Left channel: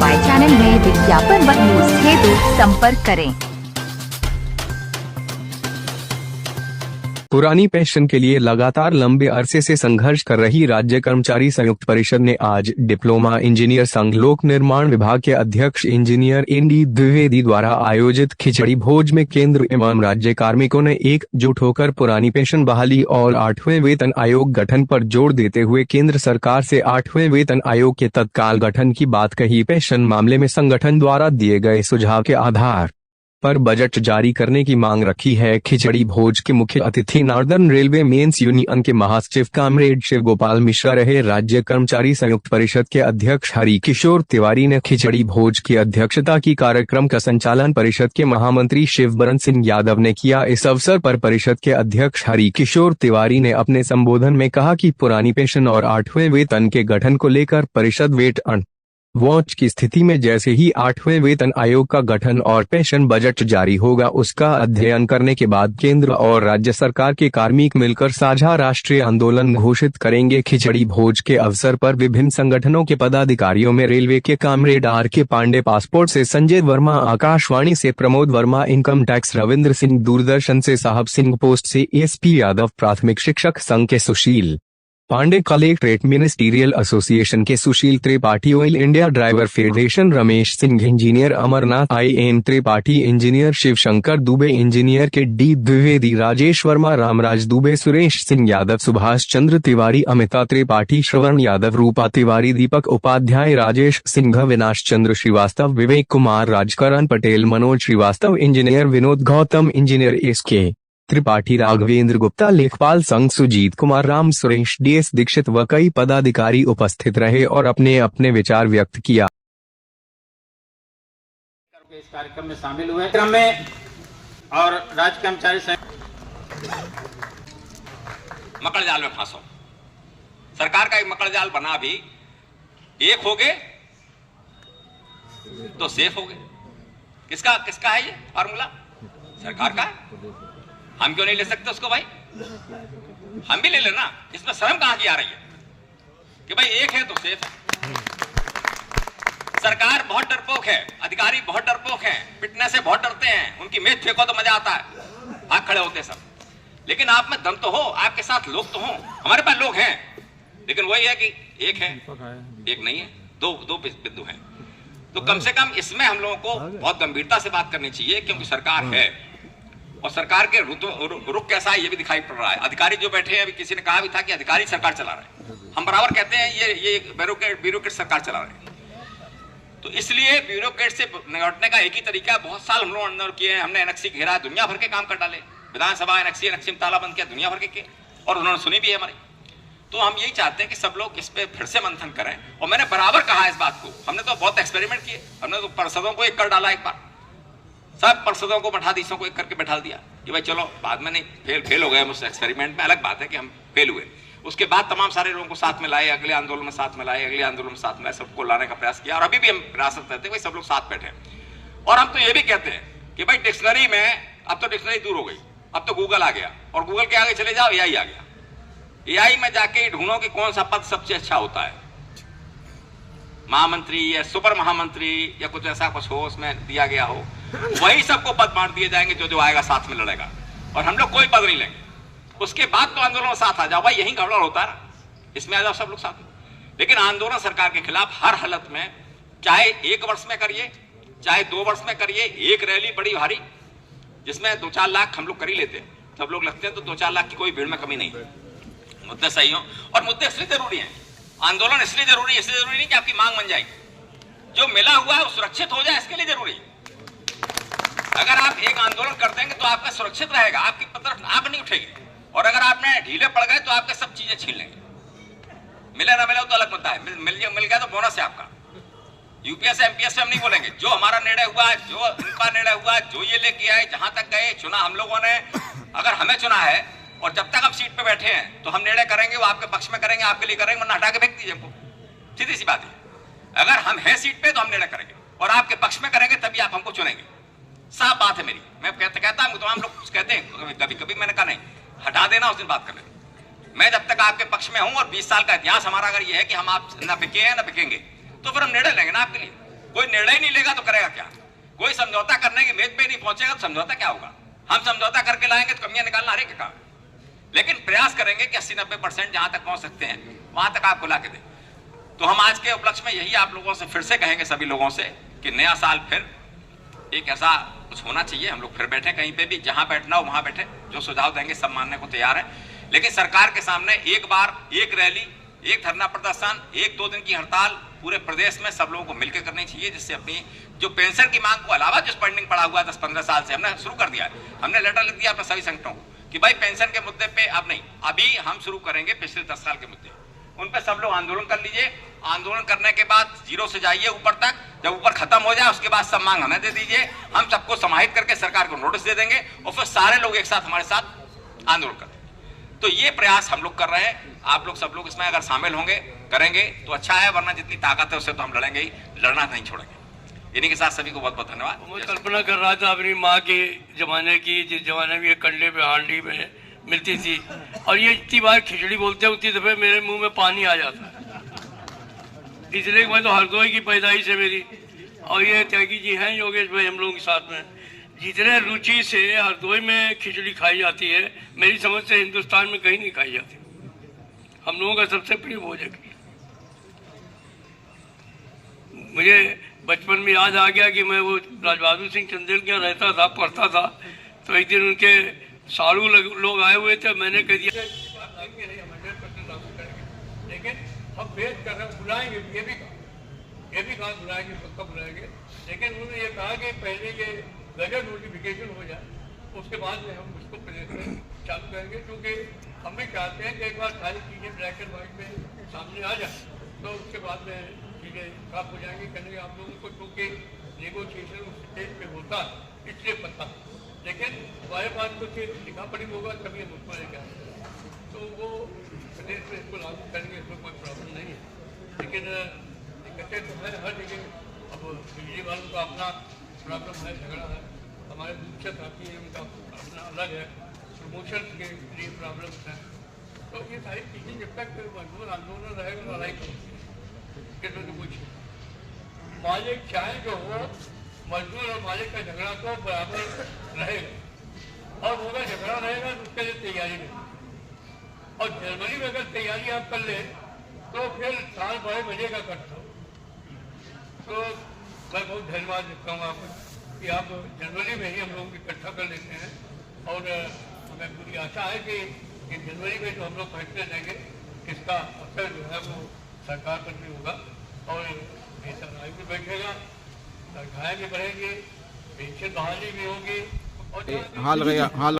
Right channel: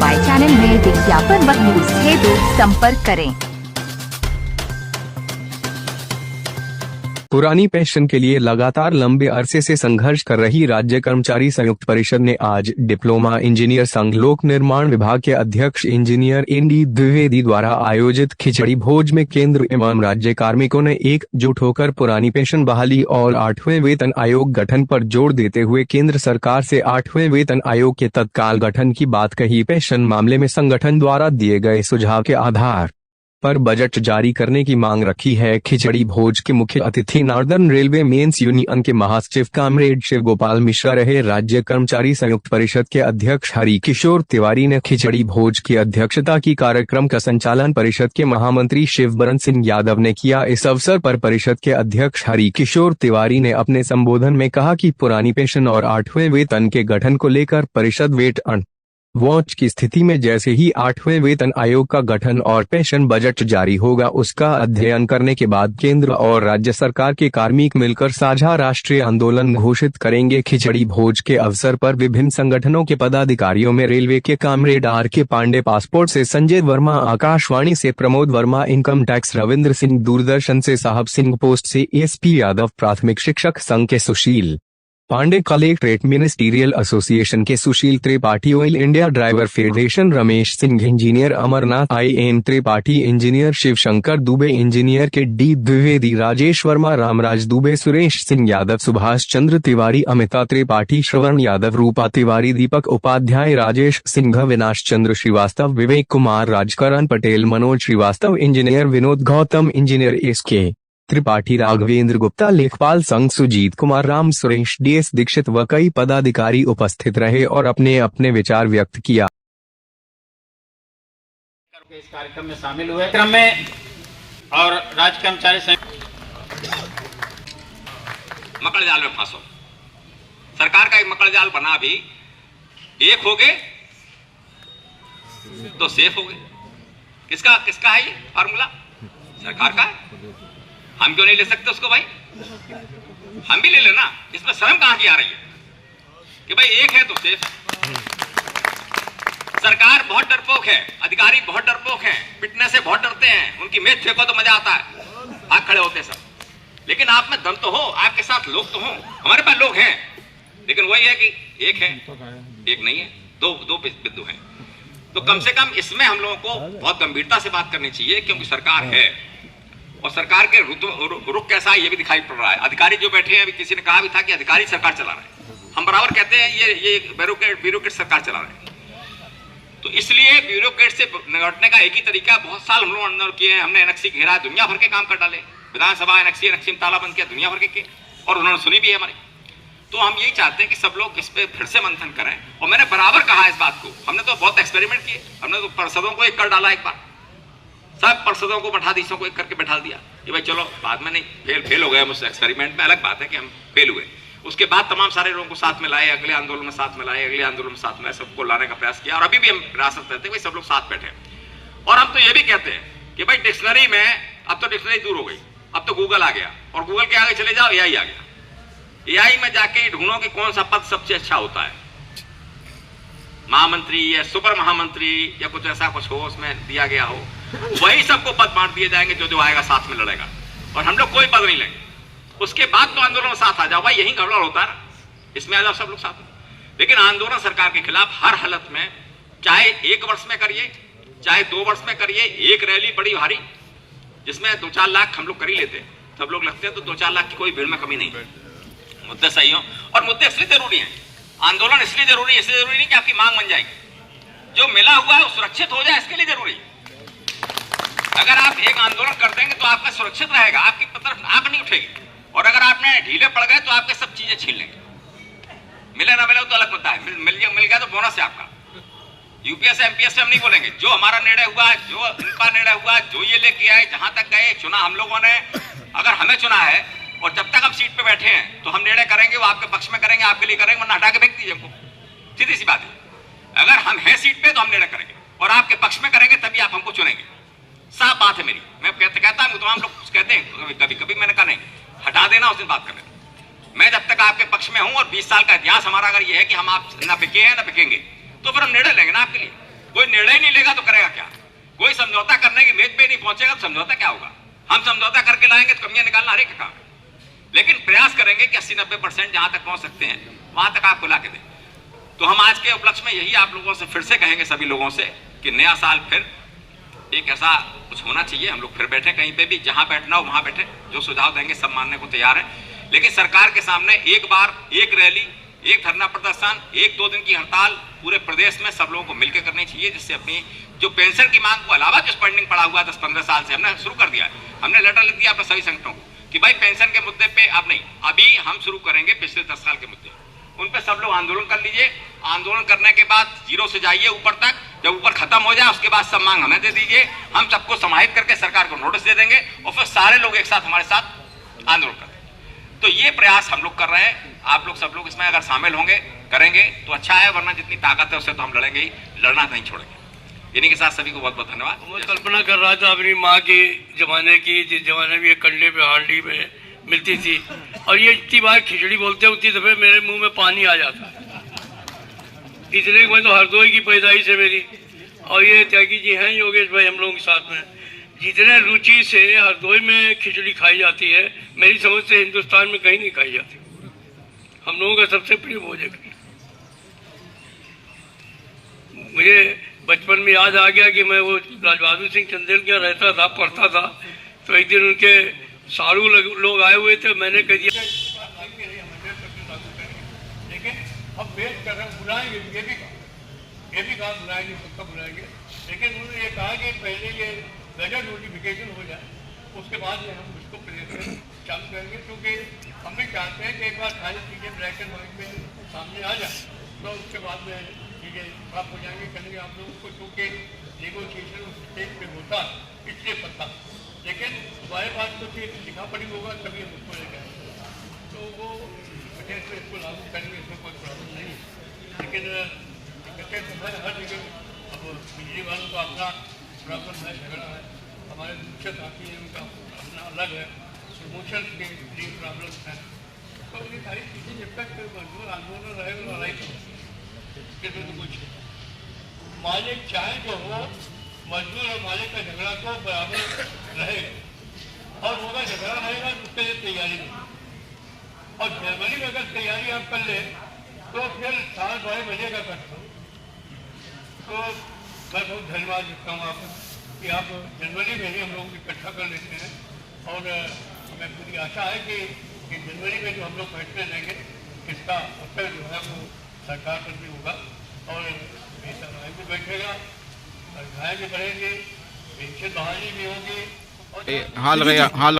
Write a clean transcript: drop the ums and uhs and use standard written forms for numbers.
दबाएं। चैनल में विज्ञापन व न्यूज हेतु संपर्क करें। पुरानी पेंशन के लिए लगातार लंबे अरसे से संघर्ष कर रही राज्य कर्मचारी संयुक्त परिषद ने आज डिप्लोमा इंजीनियर संघ लोक निर्माण विभाग के अध्यक्ष इंजीनियर एनडी द्विवेदी द्वारा आयोजित खिचड़ी भोज में केंद्र एवं राज्य कार्मिकों ने एकजुट होकर पुरानी पेंशन बहाली और 8वें वेतन आयोग गठन पर जोर देते हुए केंद्र सरकार से 8वें वेतन आयोग के तत्काल गठन की बात कही। पेंशन मामले में संगठन द्वारा दिए गए सुझाव के आधार पर बजट जारी करने की मांग रखी है। खिचड़ी भोज के मुख्य अतिथि नॉर्दर्न रेलवे मेंस यूनियन के महासचिव कामरेड शिव गोपाल मिश्रा रहे। राज्य कर्मचारी संयुक्त परिषद के अध्यक्ष हरि किशोर तिवारी ने खिचड़ी भोज की अध्यक्षता की। कार्यक्रम का संचालन परिषद के महामंत्री शिवबरन सिंह यादव ने किया। इस अवसर पर परिषद के अध्यक्ष हरि किशोर तिवारी ने अपने संबोधन में कहा कि पुरानी पेंशन और 8वें वेतन के गठन को लेकर परिषद वेट एंड वॉच की स्थिति में जैसे ही 8वें वेतन आयोग का गठन और पेंशन बजट जारी होगा उसका अध्ययन करने के बाद केंद्र और राज्य सरकार के कार्मिक मिलकर साझा राष्ट्रीय आंदोलन घोषित करेंगे। खिचड़ी भोज के अवसर पर विभिन्न संगठनों के पदाधिकारियों में रेलवे के कामरेड आर के पांडे, पासपोर्ट से संजय वर्मा, आकाशवाणी से प्रमोद वर्मा, इनकम टैक्स रविंद्र सिंह, दूरदर्शन से साहब सिंह, पोस्ट से एसपी यादव, प्राथमिक शिक्षक संघ के Sushil Pandey, collectorate ministerial association के Sushil Tripathi, oil India driver federation Ramesh Singh, engineer Amarnath, IN Tripathi, engineer Shivshankar Dubey, engineer K D Dwivedi, Rajesh Verma, Ramraj Dubey, Suresh Singh Yadav, Subhash Chandra Tiwari, Amita Tripathi, Shravan Yadav, Rupa Tiwari, Deepak Upadhyay, Rajesh Singh, Vinash Chandra Srivastava, Vivek Kumar, Rajkaran Patel, Manoj Srivastava, engineer Vinod Gautam, engineer SK Tripathi, Raghvendra Gupta, लेखपाल संघ सुजीत कुमार, राम सुरेश, DS दीक्षित व कई पदाधिकारी उपस्थित रहे और अपने अपने विचार व्यक्त किया। इस कार्यक्रम में शामिल हुए क्रम में और राज्य कर्मचारी मकड़ जाल में फंसो। सरकार का एक मकड़ जाल बना भी, एक हो गए तो सेफ हो गए। किसका किसका है ये फार्मूला? सरकार का है। हम क्यों नहीं ले सकते उसको भाई? हम भी ले लेना। इसमें शर्म कहां की आ रही है कि भाई एक है तो सेफ है। सरकार बहुत डरपोक है, अधिकारी बहुत डरपोक हैं, पिटने से बहुत डरते हैं। उनकी मेज फेंको तो मजा आता है, भाग खड़े होते सब। लेकिन आप में दम तो हो, आपके साथ लोग तो हो। हमारे पास लोग हैं, लेकिन वही है कि एक है, एक नहीं है, दो बिंदु हैं। तो कम से कम इसमें हम लोगों को बहुत गंभीरता से बात करनी चाहिए, क्योंकि सरकार है और सरकार के रुख कैसा है ये भी दिखाई पड़ रहा है। अधिकारी जो बैठे हैं, अभी किसी ने कहा भी था कि अधिकारी सरकार चला रहे हैं। हम बराबर कहते हैं ये ब्यूरोक्रेट सरकार चला रहे हैं। तो इसलिए ब्यूरोक्रेट से निपटने का एक ही तरीका, बहुत साल हम लोग आंदोलन किए हैं, हमने NXC घेरा, दुनिया भर के काम कर डाले, विधानसभा NXC में ताला बंद किया, दुनिया भर के और उन्होंने सुनी भी है हमारी। तो हम यही चाहते हैं कि सब लोग इस पे फिर से मंथन करें। और मैंने बराबर कहा इस बात को, हमने तो बहुत एक्सपेरिमेंट किए, हमने तो पार्षदों को एक कर डाला, एक बार सब पार्षदों को मठाधीशों को एक करके बैठा दिया कि भाई चलो, बाद में नहीं फेल हो गए उस एक्सपेरिमेंट में, अलग बात है कि हम फेल हुए। उसके बाद तमाम सारे लोगों को साथ में लाए, अगले आंदोलन में साथ में लाए, अगले आंदोलन में साथ में सबको लाने का प्रयास किया और अभी भी हम प्रयास करते हैं भाई सब लोग साथ बैठे। और हम तो ये भी कहते हैं कि भाई डिक्शनरी में, अब तो डिक्शनरी दूर हो गई, अब तो गूगल आ गया और गूगल के आगे चले जाओ, AI आ गया। AI में जाके ढूंढो कि कौन सा पद सबसे अच्छा होता है, महामंत्री या सुपर महामंत्री या कुछ ऐसा कुछ हो, उसमें दिया गया हो, वही सबको पद बांट दिए जाएंगे जो आएगा साथ में लड़ेगा, और हम लोग कोई पद नहीं लेंगे। उसके बाद तो आंदोलन में साथ आ जाओ भाई, यही गड़बड़ होता है, इसमें आ जाओ सब लोग साथ में। लेकिन आंदोलन सरकार के खिलाफ हर हालत में, चाहे 1 वर्ष में करिए, चाहे 2 वर्ष में करिए, एक रैली बड़ी भारी जिसमें 2-4 लाख हम लोग कर ही लेते, सब लोग लगते हैं, तो 2-4 लाख की कोई भीड़ में कमी नहीं। मुद्दे सही हो, और मुद्दे इसलिए जरूरी है, आंदोलन इसलिए जरूरी नहीं कि आपकी मांग बन जाएगी, जो मिला हुआ है वो सुरक्षित हो जाए, इसके लिए जरूरी। अगर आप एक आंदोलन कर देंगे तो आपका सुरक्षित रहेगा, आपकी तरफ आंख नहीं उठेगी, और अगर आपने ढीले पड़ गए तो आपके सब चीजें छीन लेंगे। मिले ना मिले तो अलग मुद्दा है, मिल गया तो बोनस है आपका। UPS MPS से हम नहीं बोलेंगे, जो हमारा निर्णय हुआ, जो उनका निर्णय हुआ, जो ये लेके आए, जहां तक गए, चुना हम लोगों ने, अगर हमें चुना है और जब तक हम सीट पे बैठे हैं तो हम निर्णय करेंगे, वो आपके पक्ष में करेंगे, आपके लिए करेंगे, वरना हटा के फेंक दीजिए हमको। सीधी सी बात है, अगर हम हैं सीट पे तो हम निर्णय करेंगे और आपके पक्ष में करेंगे, तभी आप हमको चुनेंगे। साफ बात है मेरी, मैं कहता हूं, तमाम लोग कुछ कहते हैं, कभी कभी मैंने कहा नहीं, हटा देना, उस दिन बात कर लेना। मैं जब तक आपके पक्ष में हूं और 20 साल का इतिहास हमारा अगर ये है कि हम आप न बिके हैं न बिकेंगे, तो फिर हम निर्णय लेंगे ना आपके लिए। निर्णय नहीं लेगा तो करेगा क्या? कोई समझौता करने की मेज पे नहीं पहुंचेगा तो समझौता क्या होगा? हम समझौता करके लाएंगे तो कमियां निकालना हर एक काम, लेकिन प्रयास करेंगे कि 80-90% जहां तक पहुंच सकते हैं वहां तक आपको ला के दें। तो हम आज के उपलक्ष्य में यही आप लोगों से फिर से कहेंगे, सभी लोगों से, कि नया साल फिर एक ऐसा कुछ होना चाहिए, हम लोग फिर बैठे कहीं पे भी, जहां बैठना हो वहां बैठे, जो सुझाव देंगे सब मानने को तैयार है। लेकिन सरकार के सामने एक बार एक रैली, एक धरना प्रदर्शन, 1-2 दिन की हड़ताल पूरे प्रदेश में सब लोगों को मिलकर करनी चाहिए, जिससे अपनी जो पेंशन की मांग को अलावा जो पेंडिंग पड़ा हुआ 10-15 साल से हमने शुरू कर दिया है। हमने लेटर लिख दिया अपने सभी संगठनों को कि भाई पेंशन के मुद्दे पे अब नहीं, अभी हम शुरू करेंगे पिछले 10 साल के मुद्दे, उन पे सब लोग आंदोलन कर लीजिए। आंदोलन करने के बाद 0 से जाइए ऊपर तक, जब ऊपर खत्म हो जाए उसके बाद सब मांग हमें दे दीजिए, हम सबको समाहित करके सरकार को नोटिस दे देंगे और फिर सारे लोग एक साथ हमारे साथ आंदोलन कर देंगे। तो ये प्रयास हम लोग कर रहे हैं, आप लोग सब लोग इसमें अगर शामिल होंगे, करेंगे तो अच्छा है, वरना जितनी ताकत है उससे तो हम लड़ेंगे ही, लड़ना नहीं छोड़ेंगे। इन्हीं के साथ सभी को बहुत बहुत धन्यवाद। मैं कल्पना कर रहा था अपनी माँ के जमाने की, जिस जमाने में ये कंडे पे हांडी में मिलती थी, और ये इतनी बार खिचड़ी बोलते उतनी दफे मेरे मुंह में पानी आ जाता, इसलिए मैं तो हरदोई की पैदाइश है मेरी, और ये त्यागी जी हैं योगेश भाई हम लोगों के साथ में, जितने रुचि से हरदोई में खिचड़ी खाई जाती है, मेरी समझ से हिंदुस्तान में कहीं नहीं खाई जाती। हम लोगों का सबसे प्रिय भोजन है। मुझे बचपन में याद आ गया कि मैं वो राजबहादुर सिंह चंदेल के रहता था, पढ़ता था, तो एक दिन उनके साड़ू लोग आए हुए थे, मैंने कह दिया लेकिन हम भेज कर रहे हैं, बुलाएंगे, ये भी कहा बुलाएंगे, पक्का बुलाएंगे, लेकिन उन्होंने ये कहा कि पहले ये गजट नोटिफिकेशन हो जाए, उसके बाद में हम इसको प्रेजेंट चालू करेंगे, क्योंकि हम भी चाहते हैं कि एक बार सारी चीज़ें ब्लैक एंड व्हाइट में सामने आ जाए, तो उसके बाद में चीज़ें प्राप्त हो जाएंगी, करेंगे आप लोगों को, क्योंकि नेगोशिएशन स्टेज पे होता इसलिए पता, लेकिन हमारे पास तो फिर लिखा पड़ी होगा, कभी हम उसको लेकर आएंगे, तो वो बजट से इसको लागू करेंगे, इसमें कोई प्रॉब्लम नहीं है। लेकिन बजट हर जगह अब बिजली वालों का अपना प्रॉब्लम है, झगड़ा है, हमारे दूसरे साथी हैं उनका अपना अलग है, प्रमोशन के लिए प्रॉब्लम है, तो ये सारी चीज़ें जब तक मजदूर आंदोलन रहेगा, लड़ाई इसमें तो कुछ मालिक चाहे जो हो, मजदूर और मालिक का झगड़ा तो बराबर रहेगा, और होगा झगड़ा रहेगा तो उसके लिए तैयारी नहीं, और जर्मनी में अगर तैयारी आप कर ले तो फिर साल 12 महीने का करता हूँ। तो मैं बहुत धन्यवाद देता हूँ आपको कि आप जनवरी में ही हम लोग इकट्ठा कर लेते हैं, और हमें पूरी आशा है कि जनवरी में जो हम लोग फैसले लेंगे इसका असर जो है वो सरकार पर भी होगा, और सरकार भी बैठेगा, सरकारें भी बढ़ेंगी, पेंशन बहाली भी होगी, और